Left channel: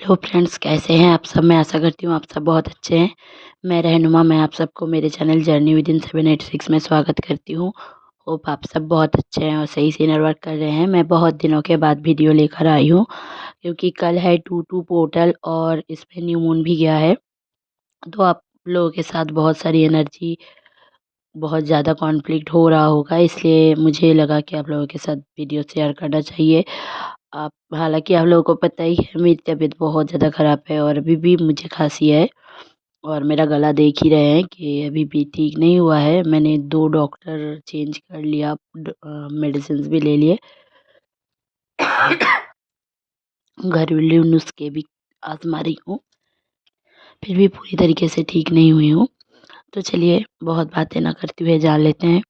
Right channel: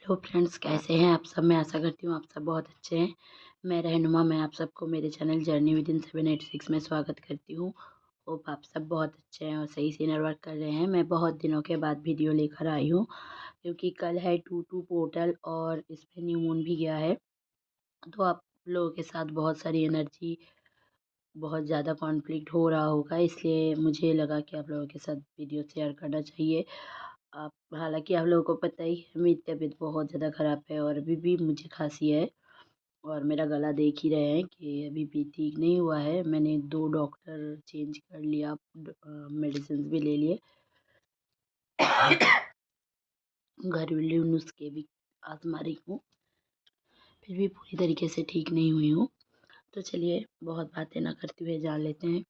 Hello friends, कैसे हैं आप सब। मैं आशा करती हूँ आप सब बहुत अच्छे हैं। मैं रहनुमा, मैं आप सबको मेरे चैनल जर्नी विद इन 786 में स्वागत करती हूँ। होप आप सब बहुत अच्छे हैं और सही से इनर वर्क कर रहे हैं। मैं बहुत दिनों के बाद वीडियो लेकर आई हूँ क्योंकि कल है 22 पोर्टल और इसमें न्यू मून भी गया है। तो आप लोगों के साथ बहुत सारी एनर्जी, बहुत ज़्यादा कॉन्फ्लिक्ट हो रहा होगा, इसलिए मुझे लगा कि आप लोगों के साथ वीडियो शेयर करना चाहिए। आप हालांकि आप लोगों को पता ही है मेरी तबीयत बहुत ज़्यादा ख़राब है और अभी भी मुझे खांसी है और मेरा गला देख ही रहे हैं कि अभी भी ठीक नहीं हुआ है। मैंने 2 डॉक्टर चेंज कर लिया, मेडिसिन भी ले लिए, घरेलू नुस्खे भी आजमा रही हूँ, फिर भी पूरी तरीके से ठीक नहीं हुई हूँ। तो चलिए बहुत बातें ना करते हुए जान लेते हैं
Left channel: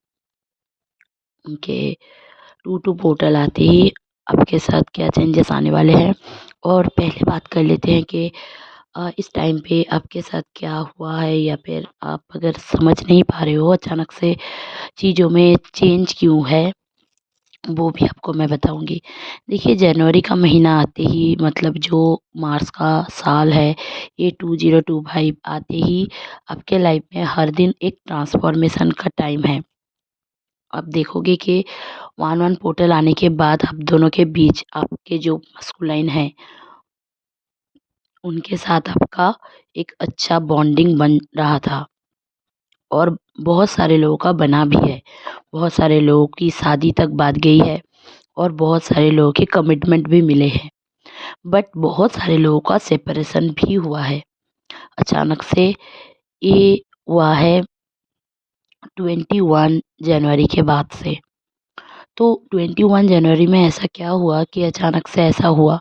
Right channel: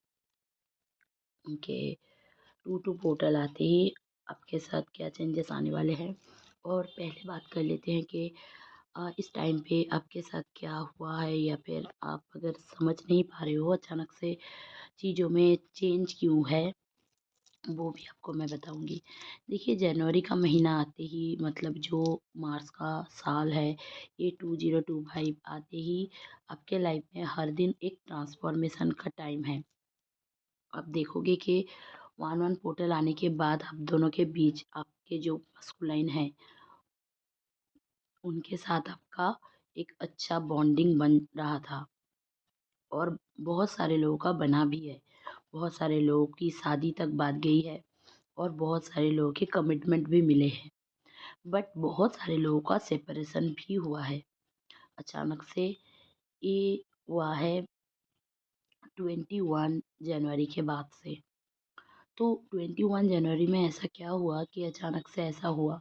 कि 22 पोर्टल आते ही आपके साथ क्या चेंजेस आने वाले हैं। और पहले बात कर लेते हैं कि इस टाइम पे आपके साथ क्या हुआ है, या फिर आप अगर समझ नहीं पा रहे हो अचानक से चीज़ों में चेंज क्यों है, वो भी आपको मैं बताऊंगी। देखिए, जनवरी का महीना आते ही, मतलब जो मार्च का साल है, ये 2025 आते ही आपके लाइफ में हर दिन एक ट्रांसफॉर्मेशन का टाइम है। आप देखोगे कि वन वन पोर्टल आने के बाद आप दोनों के बीच आपके जो मस्कुलाइन है उनके साथ आपका एक अच्छा बॉन्डिंग बन रहा था और बहुत सारे लोगों का बना भी है। बहुत सारे लोगों की शादी तक बात गई है और बहुत सारे लोगों के कमिटमेंट भी मिले हैं। बट बहुत सारे लोगों का सेपरेशन भी हुआ है अचानक से। ये हुआ है 21 जनवरी के बाद से। तो 21 जनवरी में ऐसा क्या हुआ कि अचानक से ऐसा हुआ।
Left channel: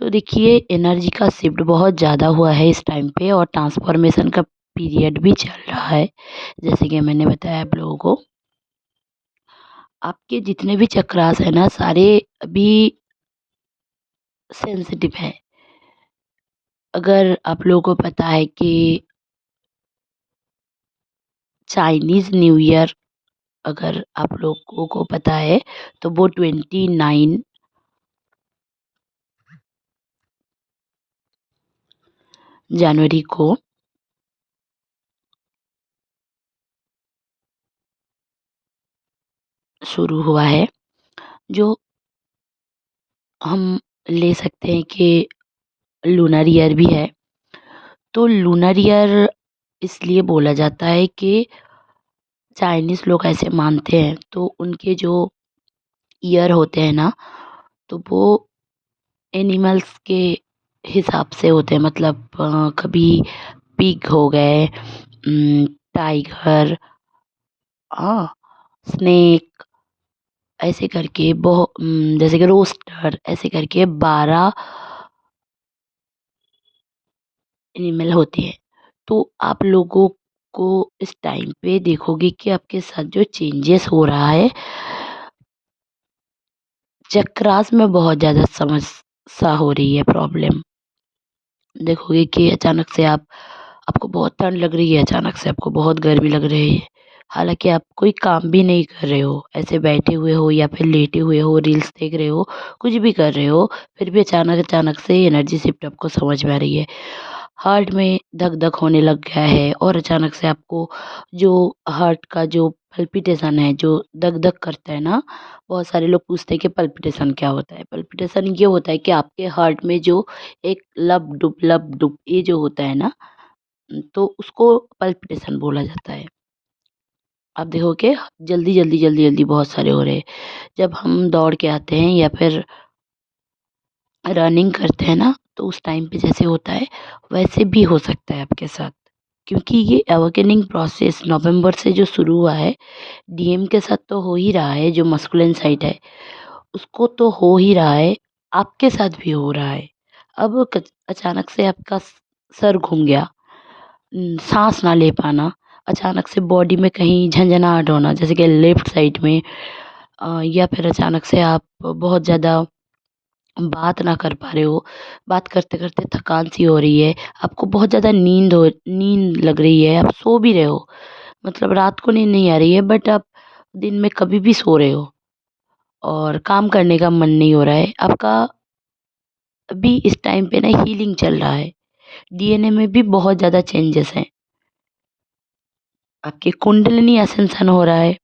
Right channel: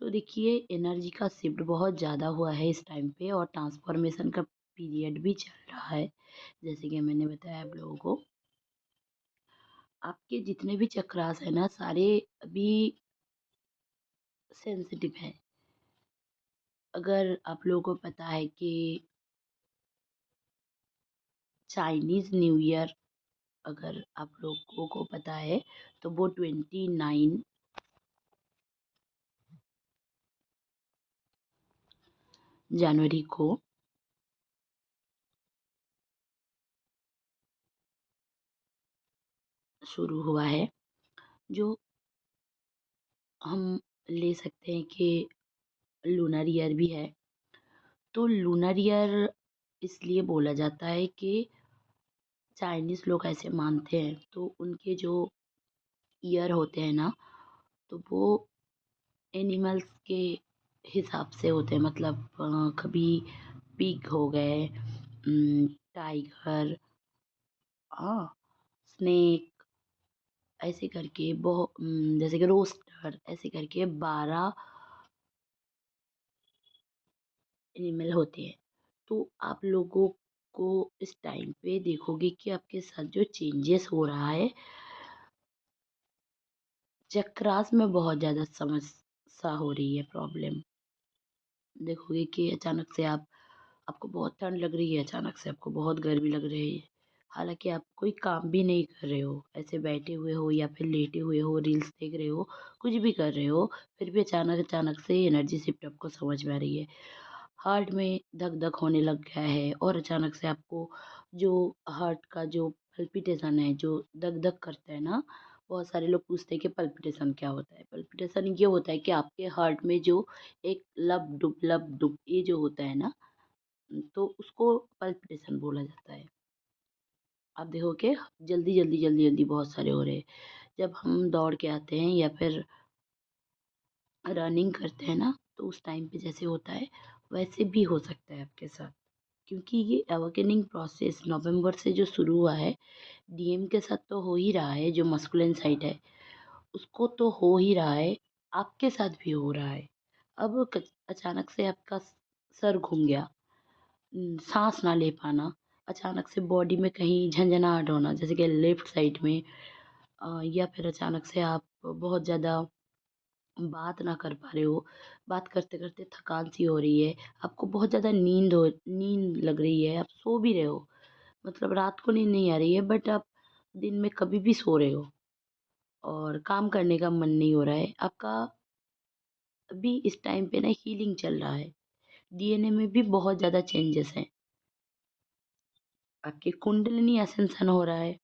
तो देखिए, एनर्जी का शिफ्ट बहुत ज़्यादा हुआ है इस टाइम पे और ट्रांसफॉर्मेशन का पीरियड भी चल रहा है। जैसे कि मैंने बताया आप लोगों को, आपके जितने भी चक्रास है ना, सारे अभी सेंसिटिव है। अगर आप लोगों को पता है कि चाइनीज़ न्यू ईयर, अगर आप लोगों को पता है, तो वो 29 जनवरी को शुरू हुआ है, जो हम ले सकते हैं कि लूनर ईयर भी है। तो लूनर ईयर इसलिए बोला जाता है कि चाइनीज़ लोग ऐसे मानते हैं, तो उनके जो ईयर होते हैं ना, तो वो एनिमल्स के हिसाब से होते हैं। मतलब कभी पिग हो गए, टाइगर, हाँ, स्नेक, ऐसे करके बहुत, जैसे कि रोस्टर, ऐसे करके 12 एनिमल होते हैं। तो आप लोगों को इस टाइम पे देखोगे कि आपके साथ जो चेंजेस हो रहा है, चक्रास में बहुत ज़्यादा समस्या हो रही है, प्रॉब्लम। देखोगे कि अचानक से आपको बहुत ठंड लग रही है, अचानक से आपको बहुत गर्मी लग रही है। हालाँकि आप कोई काम भी नहीं कर रहे हो, ऐसे बैठे हुए हो या फिर लेटे हुए हो, रील्स देख रहे हो, कुछ भी कर रहे हो, फिर भी अचानक अचानक से एनर्जी शिफ्ट आपको समझ में आ रही है। हार्ट में धक-धक होने लग गया है और अचानक से आपको जो हार्ट का जो पल्पिटेशन है, जो धक-धक करता है ना, बहुत सारे लोग पूछते हैं कि पल्पिटेशन क्या होता है? पल्पिटेशन ये होता है कि आपके हार्ट में जो एक लब-डुब ये जो होता है ना, तो उसको पल्पिटेशन बोला जाता है। आप देखोगे जल्दी-जल्दी बहुत सारे हो रहे हैं। जब हम दौड़ के आते हैं या फिर रनिंग करते हैं ना, तो उस टाइम पे जैसे होता है, वैसे भी हो सकता है आपके साथ। क्योंकि ये अवेकनिंग प्रोसेस नवंबर से जो शुरू हुआ है, डीएम के साथ तो हो ही रहा है, जो मस्कुलिन साइड है, उसको तो हो ही रहा है, आपके साथ भी हो रहा है। अब अचानक से आपका सर घूम गया, साँस ना ले पाना, अचानक से बॉडी में कहीं झंझनाहट होना, जैसे कि लेफ्ट साइड में, या फिर अचानक से आप बहुत ज़्यादा बात ना कर पा रहे हो, बात करते-करते थकान सी हो रही है, आपको बहुत ज़्यादा नींद लग रही है, आप सो भी रहे हो, मतलब रात को नींद नहीं आ रही है, बट आप दिन में कभी भी सो रहे हो और काम करने का मन नहीं हो रहा है, आपका अभी इस टाइम पे ना हीलिंग चल रहा है। डीएनए में भी बहुत ज़्यादा चेंजेस हैं। आपकी कुंडलिनी असcension हो रहा है।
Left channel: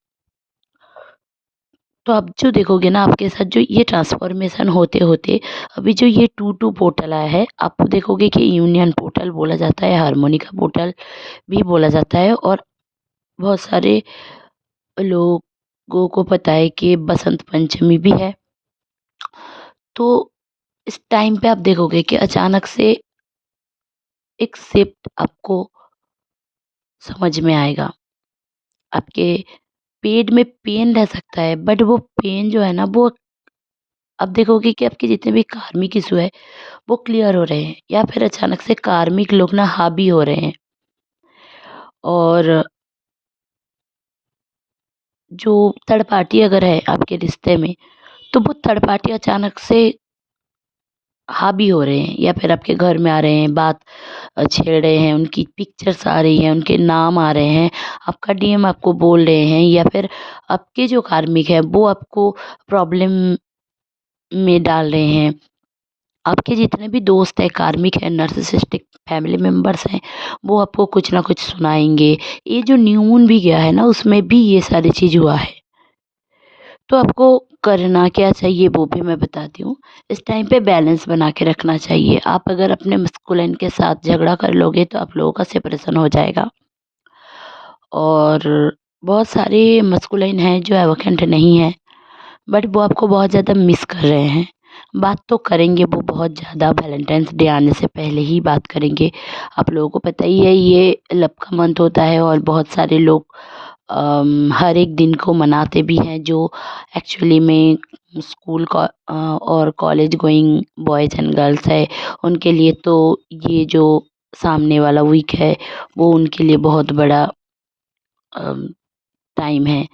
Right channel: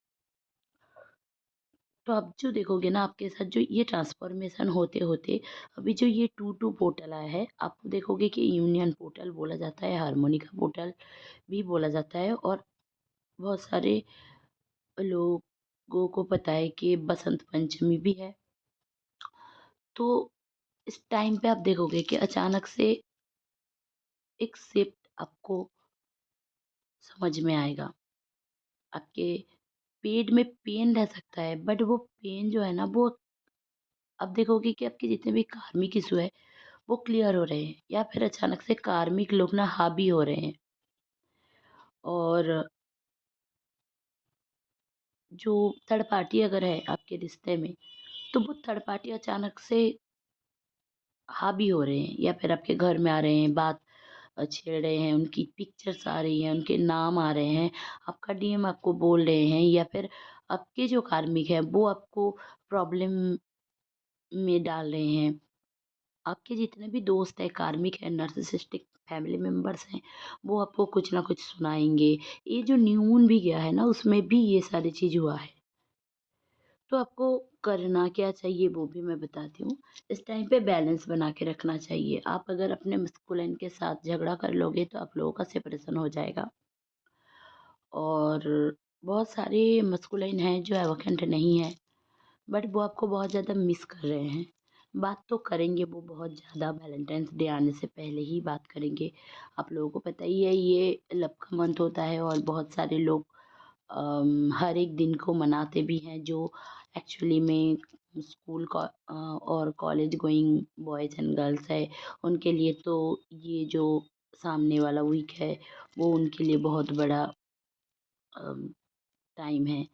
तो आप जो देखोगे ना आपके साथ जो ये ट्रांसफ़ॉर्मेशन होते-होते अभी जो ये 2-2 पोर्टल आया है, आप देखोगे कि यूनियन पोर्टल बोला जाता है, हार्मोनिका पोर्टल भी बोला जाता है और बहुत सारे लोगों को पता है कि बसंत पंचमी भी है। तो इस टाइम पे आप देखोगे कि अचानक से एक शिफ्ट आपको समझ में आएगा। आपके पेट में पेन रह सकता है बट वो पेन जो है ना वो आप देखोगे कि आपके जितने भी कार्मिक इश्यू है वो क्लियर हो रहे हैं या फिर अचानक से कार्मिक लोग ना हावी हो रहे हैं। और जो थर्ड पार्टी अगर है आपके रिश्ते में तो वो थर्ड पार्टी अचानक से हावी हो रहे हैं या फिर आपके घर में आ रहे हैं, बात छेड़ रहे हैं, उनकी पिक्चर्स आ रही हैं, उनके नाम आ रहे हैं, आपका डीएम आपको बोल रहे हैं या फिर आपके जो कार्मिक है वो आपको प्रॉब्लम में डाल रहे हैं। आपके जितने भी दोस्त हैं, कार्मिक हैं, नार्सिसिस्टिक फैमिली मेंबर्स हैं, वो आपको कुछ ना कुछ सुनाएँगे। ये जो न्यू मून भी गया है ना, उसमें भी ये सारी चीज़ हुआ है। तो आपको करना क्या चाहिए वो भी मैं बताती हूँ। इस टाइम पे बैलेंस बना के रखना चाहिए। आप अगर अपने मस्कुलिन के साथ झगड़ा कर लोगे तो आप लोगों का सेपरेशन हो जाएगा। और बहुत सारे मस्कुलिन हैं जो एवोकेंट नहीं हैं, बट वो आपको बहुत ज़्यादा मिस कर रहे हैं। बात तो करेंगे वो बहुत ज़्यादा, वैलेंटाइन्स डे आने से पहले ही बात करेंगे। आप लोगों को पता ही है ये लव का मंथ होता है और बहुत सारे लोग हर एक दिन को मनाते भी हैं जो एक्चुअली में और college going boys and girls है, उनके लिए तो ये जो सामने वाला वीक है, वो उनके लिए बहुत बड़ा अम, टाइम है।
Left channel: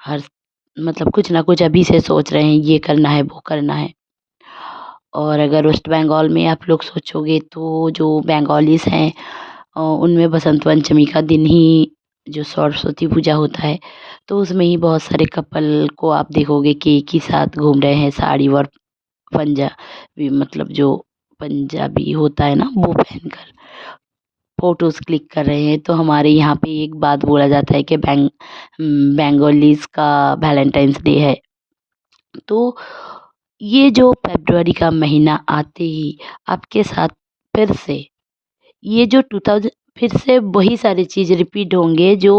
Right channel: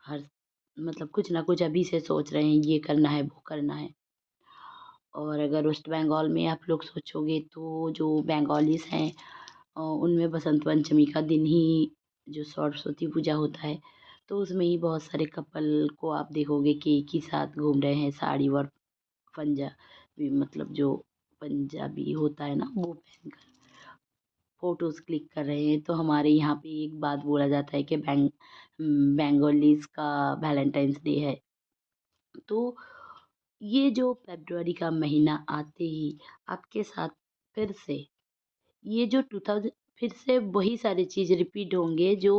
हर मतलब कुछ ना कुछ अभी से सोच रहे हैं, ये करना है, वो करना है। और अगर वेस्ट बंगाल में आप लोग सोचोगे तो जो बंगालीज़ हैं उनमें बसंत पंचमी का दिन ही जो सरस्वती पूजा होता है, तो उसमें ही बहुत सारे कपल को आप देखोगे कि एक ही साथ घूम रहे हैं साड़ी और पंजाबी मतलब जो पंजाबी होता है ना वो पहनकर फ़ोटोज़ क्लिक कर रहे हैं। तो हमारे यहाँ पे एक बात बोला जाता है कि बंगालीज़ का वैलेंटाइन्स डे है। तो ये जो फ़रवरी का महीना आते ही आपके साथ फिर से ये जो 2000 फिर से वही सारी चीज़ रिपीट होंगे जो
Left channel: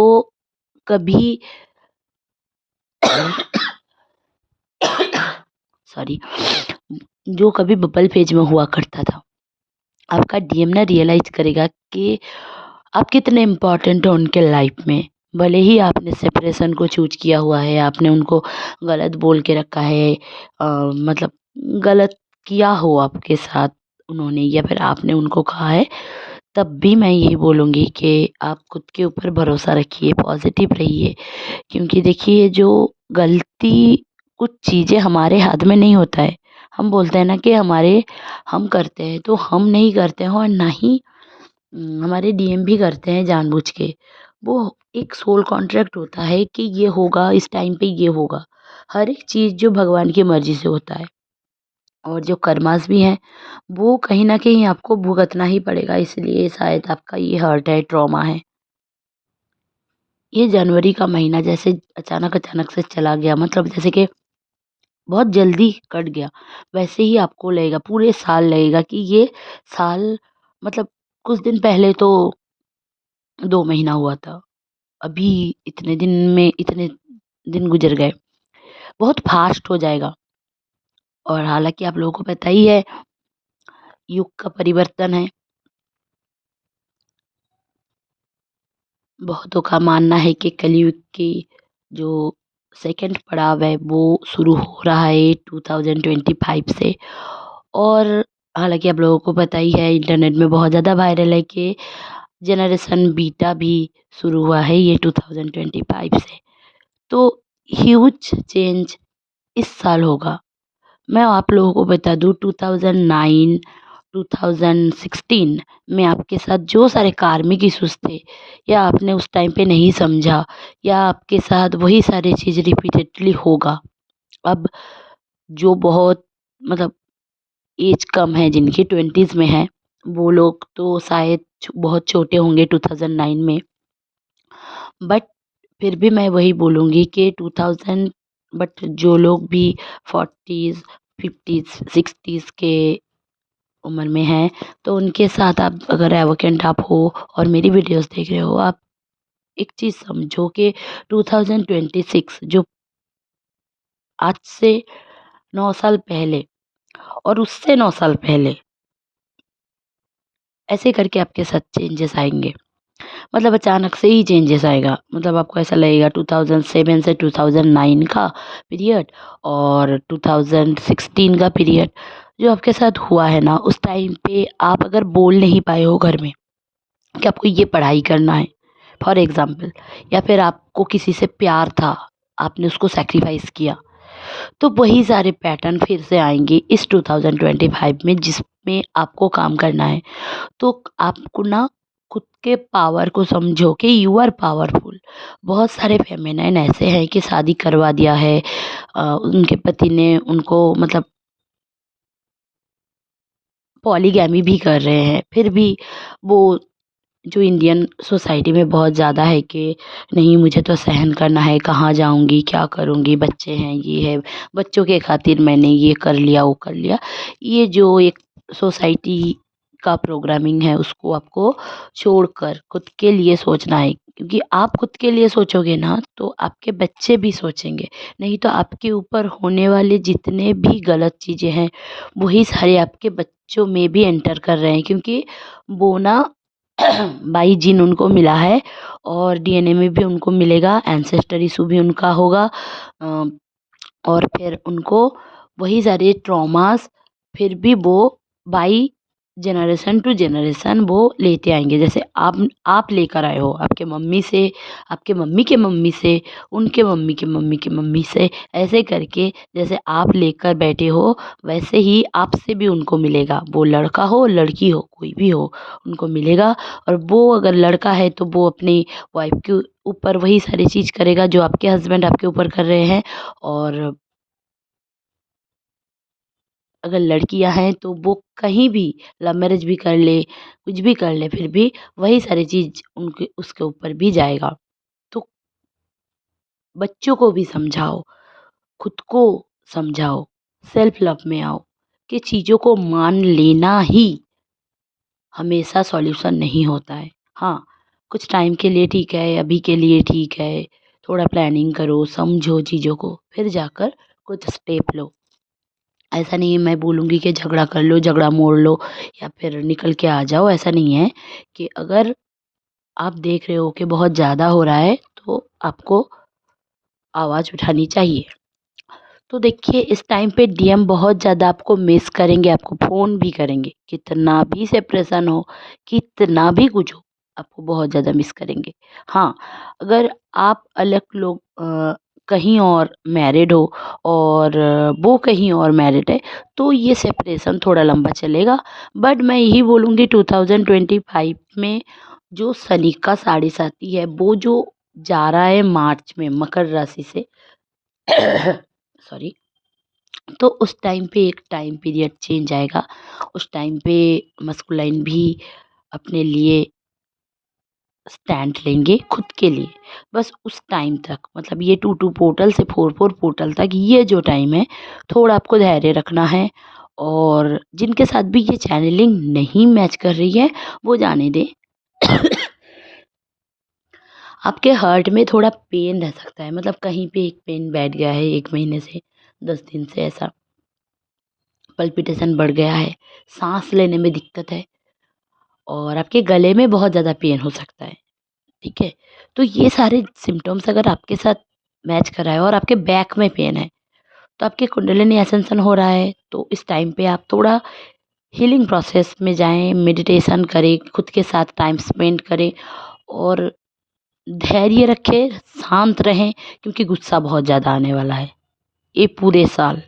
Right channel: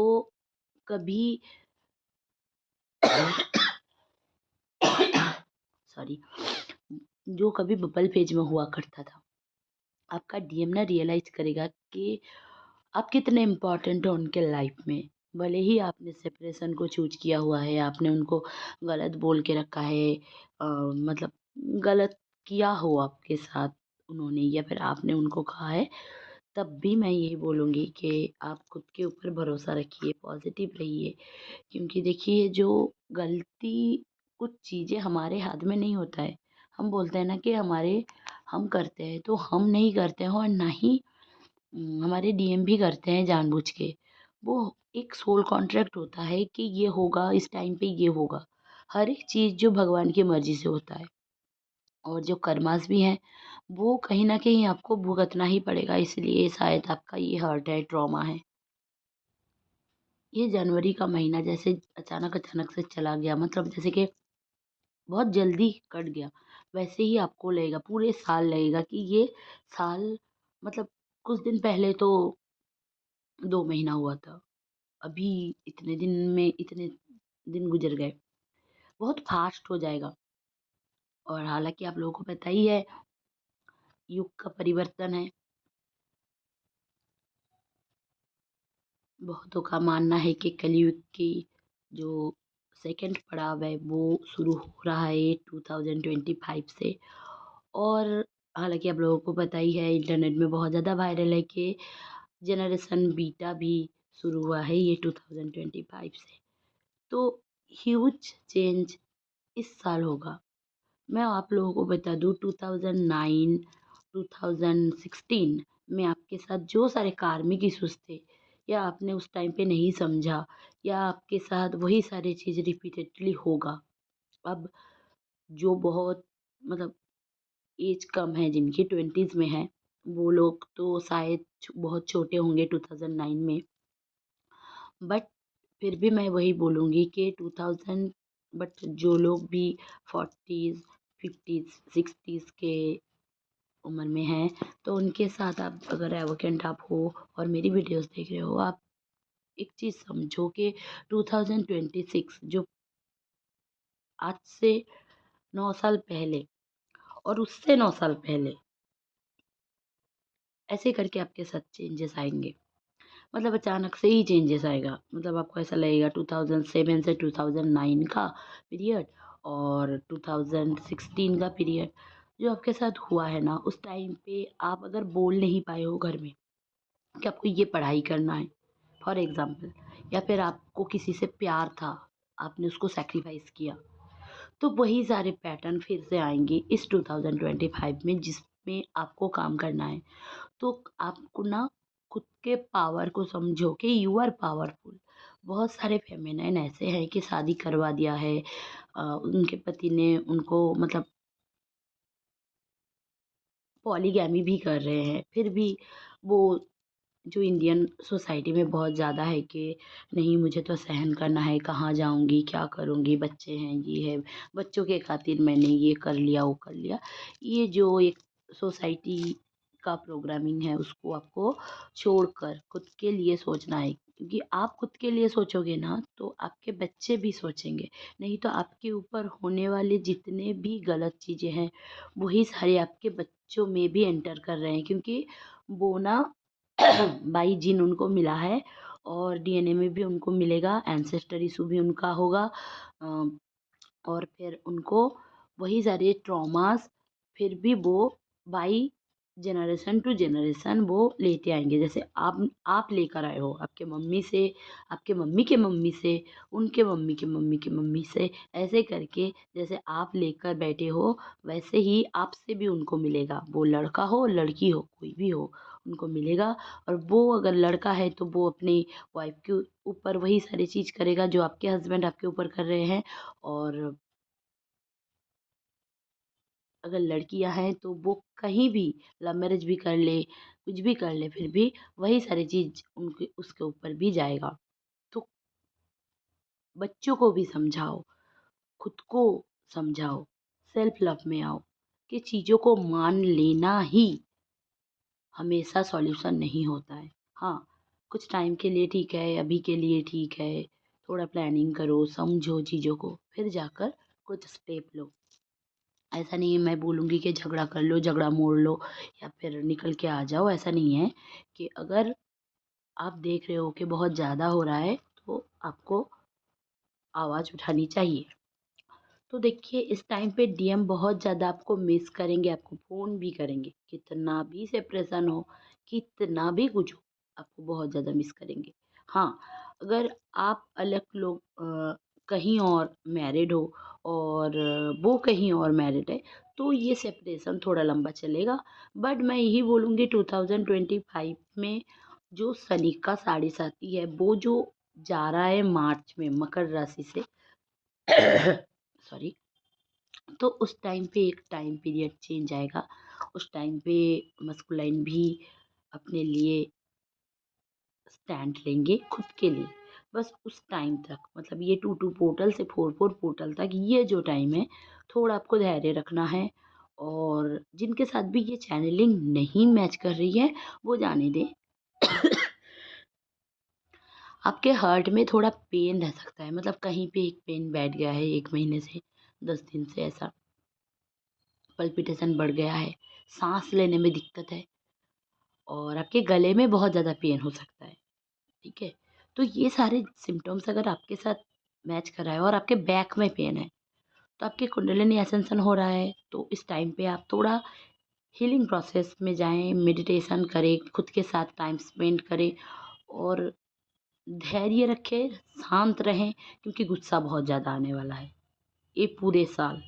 कभी सॉरी जो कभी बबल फेज में हुआ करता था। आपका डीएम ना रियलाइज़ करेगा कि आप कितने इम्पोर्टेंट हो उनके लाइफ में। भले ही आपने सेपरेशन को चूज़ किया हुआ है, आपने उनको गलत बोल के रखा है मतलब गलत किया हो आपके साथ उन्होंने या फिर आपने उनको कहा है, तब भी मैं यही बोलूँगी कि आप खुद के ऊपर भरोसा रखिए, पॉज़िटिव रहिए। क्योंकि देखिए जो गलती कुछ चीज़ें हमारे हाथ में नहीं होता है। हम बोलते हैं ना कि हम करते हैं, तो हम नहीं करते हैं और ना ही हमारे डीएम भी करते हैं जानबूझ के। वो एक सोल कॉन्ट्रैक्ट होता है कि ये होगा, इस टाइम पे ये होगा। हर एक चीज़ जो भगवान की मर्ज़ी से होता है और जो कर्मास भी हैं, वो कहीं न कहीं आपको भुगतना ही पड़ेगा इसलिए शायद आपका ये हर्ट है, ट्रॉमा है। ये जनवरी का महीना जैसे अचानक-अचानक से चला गया मतलब जैसे कि बहुत जल्दी कट गया, वैसे ही आपको लगेगा, पूरे साल लगेगा कि ये साल मतलब कुछ दिन पहले तो 2 महीना हुआ था। अभी इतने दिन में इतने दिन गुज़र गए, बहुत फ़ास्ट हो जाएगा और हालाँकि आप लोगों को पता ही है, युग का परिवर्तन है। बहुतों का मानना है कि कलयुग की जो सेकंड पड़ाव है, वो शुरू हो रहा है 2025 से और हालाँकि आप लोगों को पता ही है, इंटरनेट में बहुत ज़्यादा वायरल है कि जनरेशन बीटा भी शुरू हुआ है ये 2025 से। तो ह्यूज चेंज इस साल होगा। मैं आप लोगों को बता दूँ 2009, 2016 में आपके साथ जो सारे कार्मिक इश्यूज़ थे या आपने उस टाइम पे नहीं समझा या आपके साथ वही सारी चीज़ रिपीटेडली होगा। अब जो बहुत मतलब एज कम है, जिनकी 20s में है, वो लोग तो शायद बहुत छोटे होंगे 2009 में। बट फिर भी मैं वही बोलूँगी कि 2000, बट जो लोग भी 40s, 50s, 60s के उम्र में हैं, तो उनके साथ आप अगर एवोकेंट आप हो और मेरी वीडियोस देख रहे हो, आप एक चीज़ समझो कि 2026 जो आज से 9 साल पहले और उससे 9 साल पहले, ऐसे करके आपके साथ चेंजेस आएँगे। मतलब अचानक से ही चेंजेस आएगा। मतलब आपको ऐसा लगेगा 2007 से 2009 का पीरियड और 2016 का पीरियड जो आपके साथ हुआ है ना, उस टाइम पे आप अगर बोल नहीं पाए हो घर में कि आपको ये पढ़ाई करना है, फॉर एग्ज़ाम्पल, या फिर आपको किसी से प्यार था, आपने उसको सैक्रिफ़ाइस किया, तो वही सारे पैटर्न फिर से आएँगे इस 2025 में, जिसमें आपको काम करना है। तो आपको ना खुद के पावर को समझो कि यू आर पावरफुल। बहुत सारे फेमिनाइन ऐसे हैं कि शादी करवा दिया है, उनके पति ने उनको मतलब पॉलीगैमी भी कर रहे हैं, फिर भी वो जो इंडियन सोसाइटी में बहुत ज़्यादा है कि नहीं मुझे तो सहन करना है, कहाँ जाऊँगी, क्या करूँगी, बच्चे हैं, ये है, बच्चों के खातिर मैंने ये कर लिया, वो कर लिया। ये जो एक सोसाइटी का प्रोग्रामिंग है, उसको आपको छोड़कर खुद के लिए सोचना है, क्योंकि आप खुद के लिए सोचोगे ना, तो आपके बच्चे भी सोचेंगे। नहीं तो आपके ऊपर होने वाले जितने भी गलत चीज़ें हैं, वही सारे आपके बच्चों में भी एंटर कर रहे हैं, क्योंकि वो ना बाई जीन उनको मिला है और डीएनए में भी उनको मिलेगा, एंसेस्टर इशू भी उनका होगा। अ, और फिर उनको वही सारे ट्रॉमास फिर भी वो बाई जनरेशन टू जनरेशन वो लेते आएँगे। जैसे आप लेकर आए हो आपके मम्मी से, आपके मम्मी के मम्मी से, उनके मम्मी के मम्मी की मम्मी से, ऐसे करके जैसे आप लेकर बैठे हो, वैसे ही आपसे भी उनको मिलेगा। वो लड़का हो, लड़की हो, कोई भी हो, उनको मिलेगा। और वो अगर लड़का है तो वो अपनी वाइफ़ के ऊपर वही सारी चीज़ करेगा जो आपके हस्बैंड आपके ऊपर कर रहे हैं। और अगर लड़कियां हैं तो वो कहीं भी लव मैरिज भी कर ले, कुछ भी कर ले, फिर भी वही सारी चीज़ उनके उसके ऊपर भी जाएगा। तो बच्चों को भी समझाओ, खुद को समझाओ, सेल्फ लव में आओ कि चीज़ों को मान लेना ही हमेशा सॉल्यूशन नहीं होता है। हाँ, कुछ टाइम के लिए ठीक है, अभी के लिए ठीक है, थोड़ा प्लानिंग करो, समझो चीज़ों को, फिर जाकर कुछ स्टेप लो। ऐसा नहीं है मैं बोलूँगी कि झगड़ा कर लो, झगड़ा मोड़ लो या फिर निकल के आ जाओ, ऐसा नहीं है। कि अगर आप देख रहे हो कि बहुत ज़्यादा हो रहा है, तो आपको आवाज़ उठानी चाहिए। तो देखिए इस टाइम पे डीएम बहुत ज़्यादा आपको मिस करेंगे, आपको फ़ोन भी करेंगे। कितना भी सेपरेशन हो, कितना भी कुछ हो, आपको बहुत ज़्यादा मिस करेंगे। हाँ, अगर आप अलग लोग कहीं और मैरिड हो और वो कहीं और मैरिड है, तो ये सेपरेशन थोड़ा लंबा चलेगा। बट मैं यही बोलूँगी 2025 में जो शनि का साढ़े साती है, वो जो जा रहा है मार्च में मकर राशि से सॉरी, तो उस टाइम पे एक टाइम पीरियड चेंज आएगा। उस टाइम पे मस्कुलाइन भी अपने लिए स्टैंड लेंगे खुद के लिए। बस उस टाइम तक, मतलब ये 2-2 पोर्टल से 4-4 पोर्टल तक, ये जो टाइम है, थोड़ा आपको धैर्य रखना है। और जिनके साथ भी ये चैनलिंग नहीं मैच कर रही है, वो जाने दें। आपके हार्ट में थोड़ा पेन रह सकता है, मतलब कहीं पे एक पेन बैठ गया है 1 महीने से, 10 दिन से ऐसा। पल्पिटेशन बढ़ गया है, साँस लेने में दिक्कत है और आपके गले में बहुत ज़्यादा पेन हो सकता है, ठीक है? तो ये सारे सिम्पटम्स अगर आपके साथ मैच कर रहा है और आपके बैक में पेन है, तो आपकी कुंडलिनी असcension हो रहा है, तो इस टाइम पे आप थोड़ा हीलिंग प्रोसेस में जाएँ, मेडिटेशन करें, खुद के साथ टाइम स्पेंड करें और धैर्य रखें, शांत रहें, क्योंकि गुस्सा बहुत ज़्यादा आने वाला है, ये पूरे साल।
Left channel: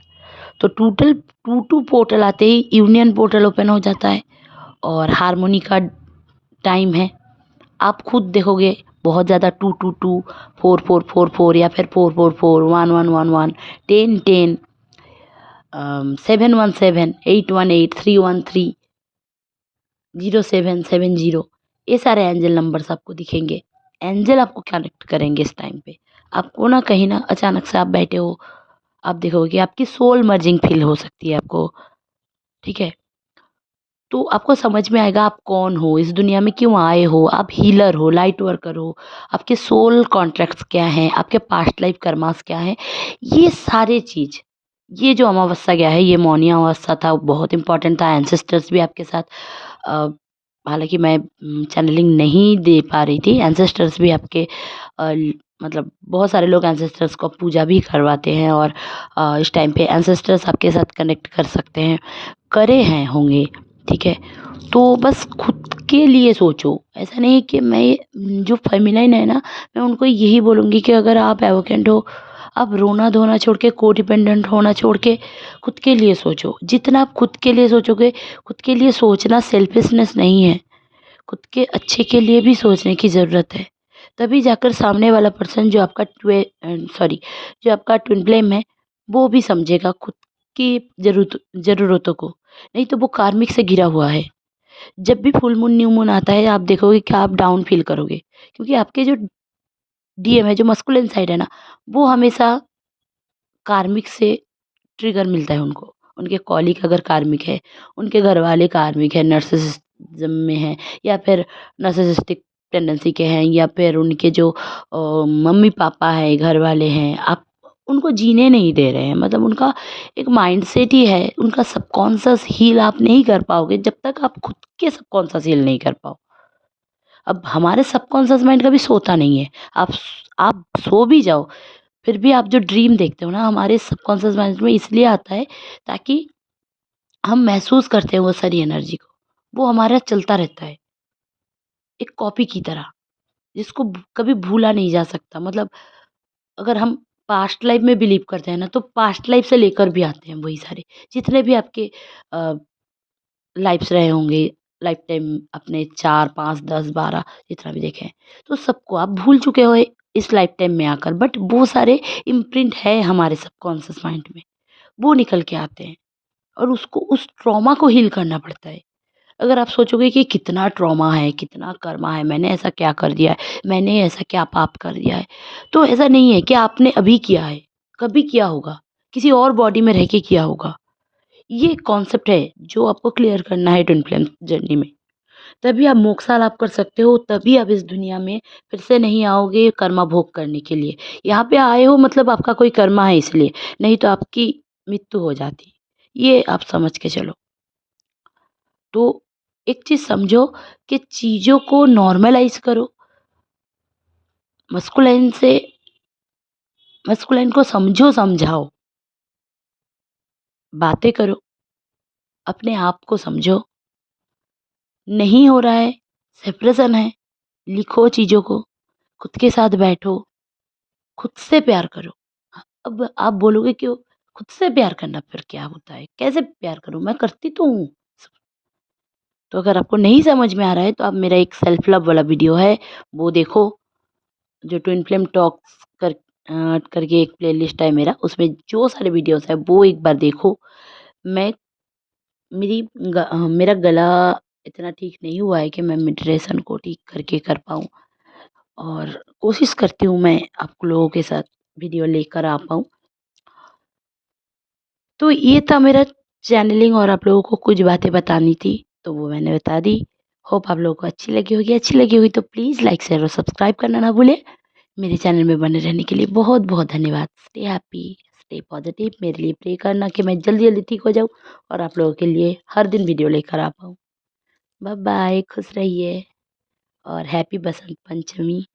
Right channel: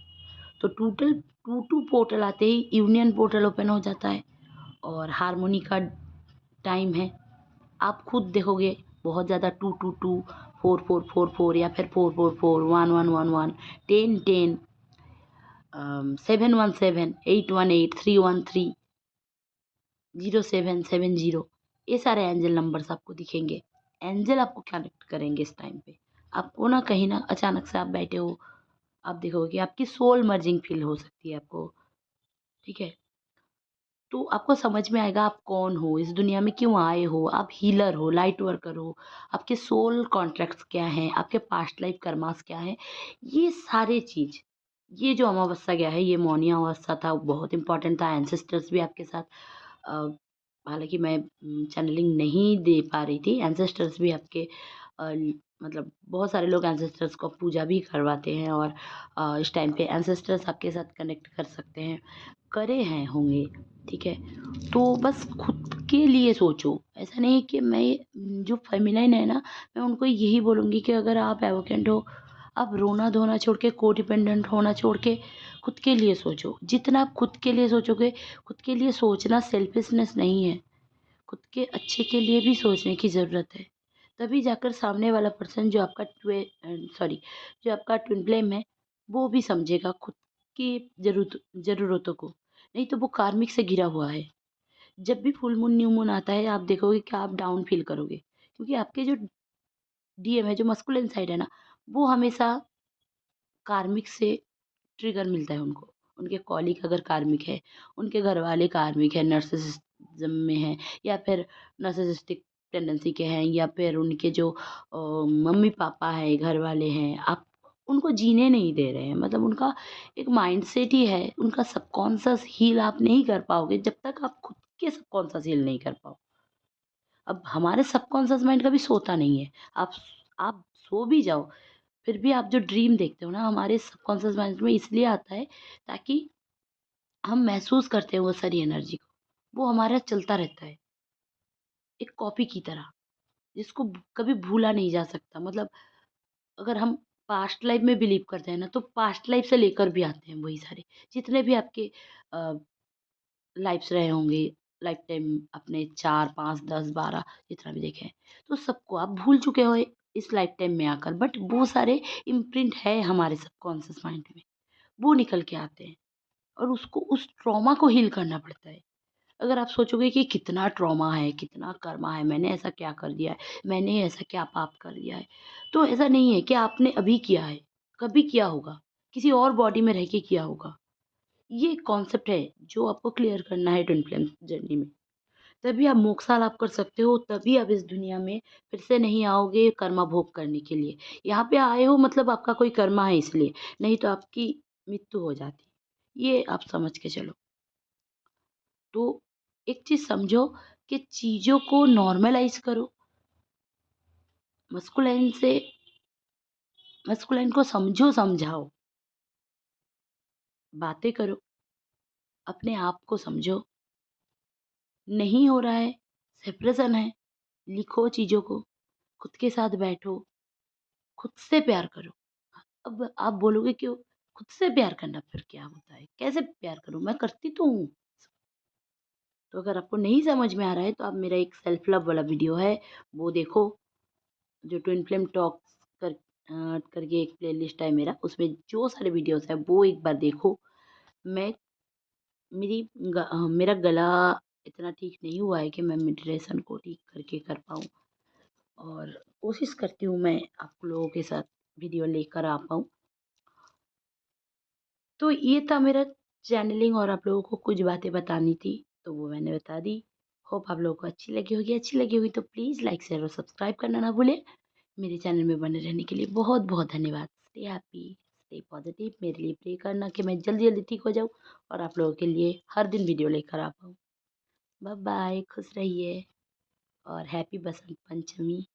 तो टोटल 2-2 पोर्टल आते ही यूनियन पोर्टल ओपन हो जाता है और हार्मोनी का टाइम है। आप खुद देखोगे बहुत ज़्यादा 2-2-2, 4-4-4-4 या फिर 4-4-4, 1-1-1-1, 10-10, 717-818-313-0770, ये सारे एंजल नंबर्स आपको दिखेंगे। एंजल आपको कनेक्ट करेंगे इस टाइम पे। आपको ना कहीं ना अचानक से आप बैठे हो, आप देखोगे कि आपकी सोल मर्जिंग फ़ील हो सकती है आपको, ठीक है? तो आपको समझ में आएगा आप कौन हो, इस दुनिया में क्यों आए हो, आप हीलर हो, लाइट वर्कर हो, आपके सोल कॉन्ट्रैक्ट्स क्या हैं, आपके पास्ट लाइफ कर्मास क्या हैं, ये सारे चीज़, ये जो अमावस्या गया है, ये मौनी अमावस्या था, बहुत इम्पोर्टेंट था, एंसेस्टर्स भी आपके साथ अ, हालाँकि मैं चैनलिंग नहीं दे पा रही थी, एंसेस्टर्स भी आपके मतलब बहुत सारे लोग एंसेस्टर्स को पूजा भी करवाते हैं और इस टाइम पे एंसेस्टर्स आपके साथ कनेक्ट कर सकते हैं, करे हैं होंगे, ठीक है? तो बस खुद के लिए सोचो, ऐसा नहीं है कि मैं जो फेमिनाइन है ना, मैं उनको यही बोलूँगी कि अगर आप एवोकेंट हो, आप रोना-धोना छोड़ के, कोडिपेंडेंट होना छोड़ के, खुद के लिए सोचो। जितना आप खुद के लिए सोचोगे, खुद के लिए सोचना सेल्फिशनेस नहीं है, खुद के अच्छे के लिए भी सोचने की ज़रूरत है। तभी जाकर सामने वाला पर्सन सॉरी, जो आपका ट्विन फ्लेम है, वो भी समझेगा खुद की ज़रूरतों को। नहीं तो वो कार्मिक से घिरा हुआ है। जब भी फुल मून, न्यू मून आता है, आप देखोगे कि आप डाउन फ़ील करोगे। क्योंकि आपके जो डीएम है, जो मस्कुलिन साइड है ना, वो हमेशा कार्मिक से ट्रिगर मिलता है उनको। उनके कॉलीग अगर कार्मिक है, उनके घरवाले कार्मिक है, नार्सिसिज़्म में हैं या फिर नार्सिसिस्टिक टेंडेंसी के हैं या फिर उनके जो मम्मी-पापा हैं, घरवाले हैं, आप उनको जीने नहीं दे रहे हैं। मतलब उनका एक माइंडसेट ही है, उनका सबकॉन्शियस हील आप नहीं कर पाओगे जब तक आप खुद के सबकॉन्शियस हील नहीं कर पाओ। अब हमारे सबकॉन्शियस माइंड कभी सोता नहीं है। आप सो भी जाओ, फिर भी आप जो ड्रीम देखते हो ना, हमारे सबकॉन्शियस माइंड में इसलिए आता है ताकि हम महसूस करते हैं वो सारी एनर्जी को। वो हमारा चलता रहता है, एक कॉपी की तरह, जिसको कभी भूला नहीं जा सकता। मतलब अगर हम पास्ट लाइफ में बिलीव करते हैं ना, तो पास्ट लाइफ से लेकर भी आते हैं वही सारे। जितने भी आपके अ, लाइफ्स रहे होंगे, लाइफ टाइम अपने 4, 5, 10, 12 जितना भी देखें, तो सबको आप भूल चुके हो इस लाइफ टाइम में आकर। बट वो सारे इम्प्रिंट है हमारे सबकॉन्शियस माइंड में, वो निकल के आते हैं और उसको उस ट्रॉमा को हील करना पड़ता है। अगर आप सोचोगे कि कितना ट्रॉमा है, कितना कर्मा है, मैंने ऐसा क्या कर दिया है, मैंने ऐसा क्या पाप कर दिया है, तो ऐसा नहीं है कि आपने अभी किया है, कभी किया होगा, किसी और बॉडी में रह के किया होगा। ये कॉन्सेप्ट है जो आपको क्लियर करना है ट्विन फ्लेम जर्नी में। तभी आप मोक्ष लाभ कर सकते हो, तभी आप इस दुनिया में फिर से नहीं आओगे कर्मा भोग करने के लिए। यहाँ पे आए हो मतलब आपका कोई कर्मा है इसलिए, नहीं तो आपकी मृत्यु हो जाती। ये आप समझ के चलो। तो एक चीज़ समझो कि चीज़ों को नॉर्मलाइज़ करो, मस्कुलाइन से मस्कुलाइन को समझो, समझाओ, बातें करो, अपने आप को समझो। नहीं हो रहा है, सेपरेशन है, लिखो चीज़ों को, खुद के साथ बैठो, खुद से प्यार करो। अब आप बोलोगे कि खुद से प्यार करना फिर क्या होता है? कैसे प्यार करूँ? मैं करती तो हूँ। तो अगर आपको नहीं समझ में आ रहा है तो आप मेरा एक सेल्फ लव वाला वीडियो है, वो देखो, जो ट्विन फ्लेम टॉक्स करके एक प्लेलिस्ट है मेरा, उसमें जो सारे वीडियोज़ हैं वो एक बार देखो। मैं मेरा गला इतना ठीक नहीं हुआ है कि मैं मेडिटेशन को ठीक करके कर पाऊँ और कोशिश करती हूँ मैं आप लोगों के साथ वीडियो लेकर आ पाऊँ। तो ये था मेरा चैनलिंग और आप लोगों को कुछ बातें बतानी थी, तो वो मैंने बता दी। होप आप लोगों को अच्छी लगी होगी। अच्छी लगी हुई तो प्लीज़ लाइक, शेयर और सब्सक्राइब करना ना भूलें। मेरे चैनल में बने रहने के लिए बहुत-बहुत धन्यवाद। Stay happy, stay positive. मेरे लिए प्रे करना कि मैं जल्दी-जल्दी ठीक हो जाऊँ और आप लोगों के लिए हर दिन वीडियो लेकर आ पाऊँ। बाय बाय, खुश रहिए और हैप्पी बसंत पंचमी।